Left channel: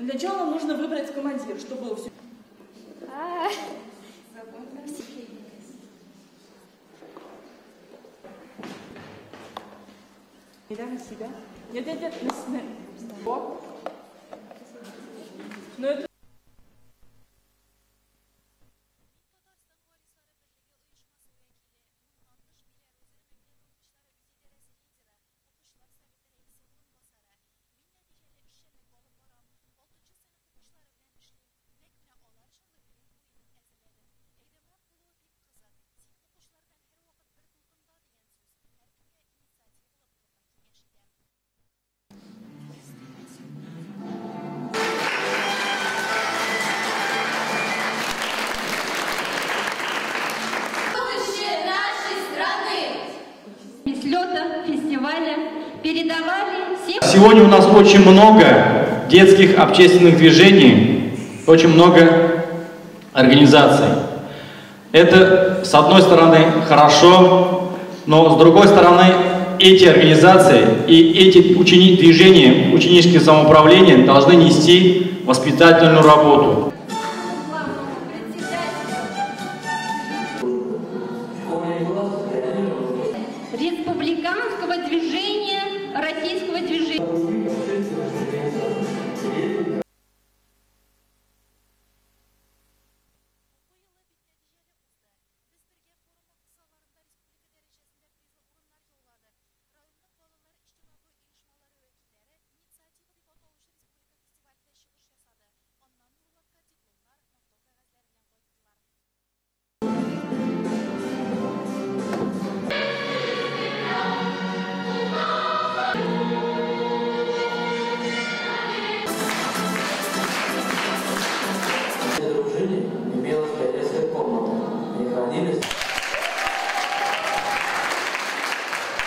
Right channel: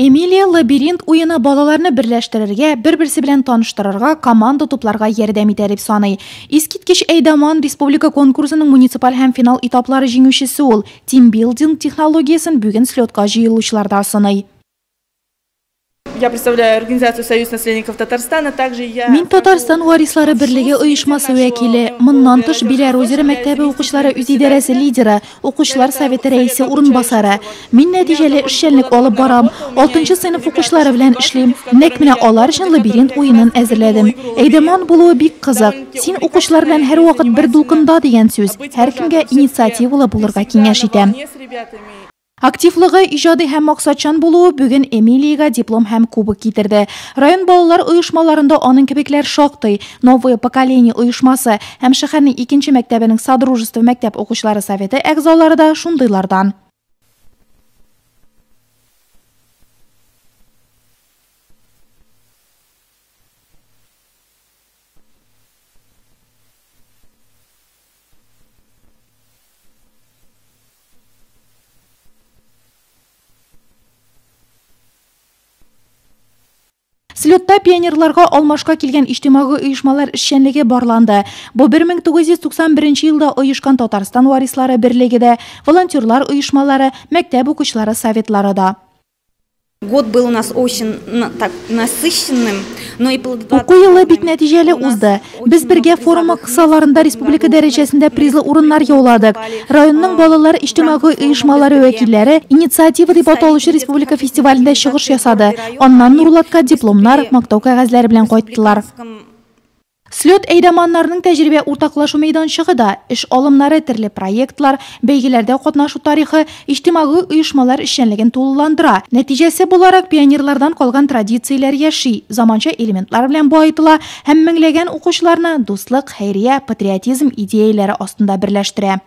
Эмилия лабиринт уйыны балаларны берләштерергә, бер-берсе белән таныштырырга, команда тупларга ярдәм итә дип саный. Искиткеч Әйдаман республика конкурсының муниципаль һәм финал этаплары җиңүчесе ул. Тимбилдинг технологиясын бүген слетка җыелучыларда сыный. Я представляю организацию «Союз наследников Татарстана», также я... Мин Татарстан варислары берлеге оешмасы вәкиле, моннан тыш Белорусия мәктәбе укучылары үз идарәсе лидеры, укучылар советы рәисе урынбасары. Мин нәтиҗәле эшчәнлек алып барам, 6-нчы сыйныф укучылары белән эшлим. Нәкъ менә алар өчен лабиринт уенын әзерләдем. Әйдаман булуы бик кызык. Син укучылар белән һәр вакыт бер дулкында дигән сүз. Һәркемгә инициативалы булырга киңәш итәм. Активлыгы, иҗади һәм максатчан булуы бүген Эмилиягә диплом һәм кубок китерде. Район балалар оешмаларында аның кебекләр шактый. Новое поколение оешмасы һәм шәһәрнең 2-нче мәктәбенең Содружество мәктәп укучылары советы әгъзалары да шундыйлардан. Сегодня у нас очень много детских общественных движений, очень много организаций. Это, с одной стороны, хорошо, но с другой стороны, эти организации и эти движения, ученические самоуправления должны нести воспитательную работу. Слетта пионерларга алмашка килгән иҗтимагый оешмалар эшчәнлеге барланды. Бу 1991 елда оешкан Татарстан варислары берлегедә, волонтерлар оешмалары, мәктәп укучылары советлары да. Год был у нас очень насыщенным, но и плодотворным. Уку елы бик нәтиҗәле узды. Без бергә форумы кысаларында республика дәрәҗәсендә призлы урыннар яуладык. Районның балалар иҗтимагый оешмалары вәкилләре инициатива дип аталучы республика фестивалендә чыгыш ясады. Аннан Нурлатка дипломнар, мактау кәгазьләре белән кайттылар. Слет Әйдаманнарның тәҗрибә уртаклашу мәйданчыгы да, эш алымнары, төрле проектлар, бәйгеләрдә катнашу тарихы иҗтимагый оешмалар эшчәнлеген тулыландыра. Нәтиҗәсе буларак пионерлардан калган традицияләр яши, заманча элементлар белән баетыла һәм меңләгән укучыларны дуслык, хәйрия, патриотизм идеяләре астында берләштерә.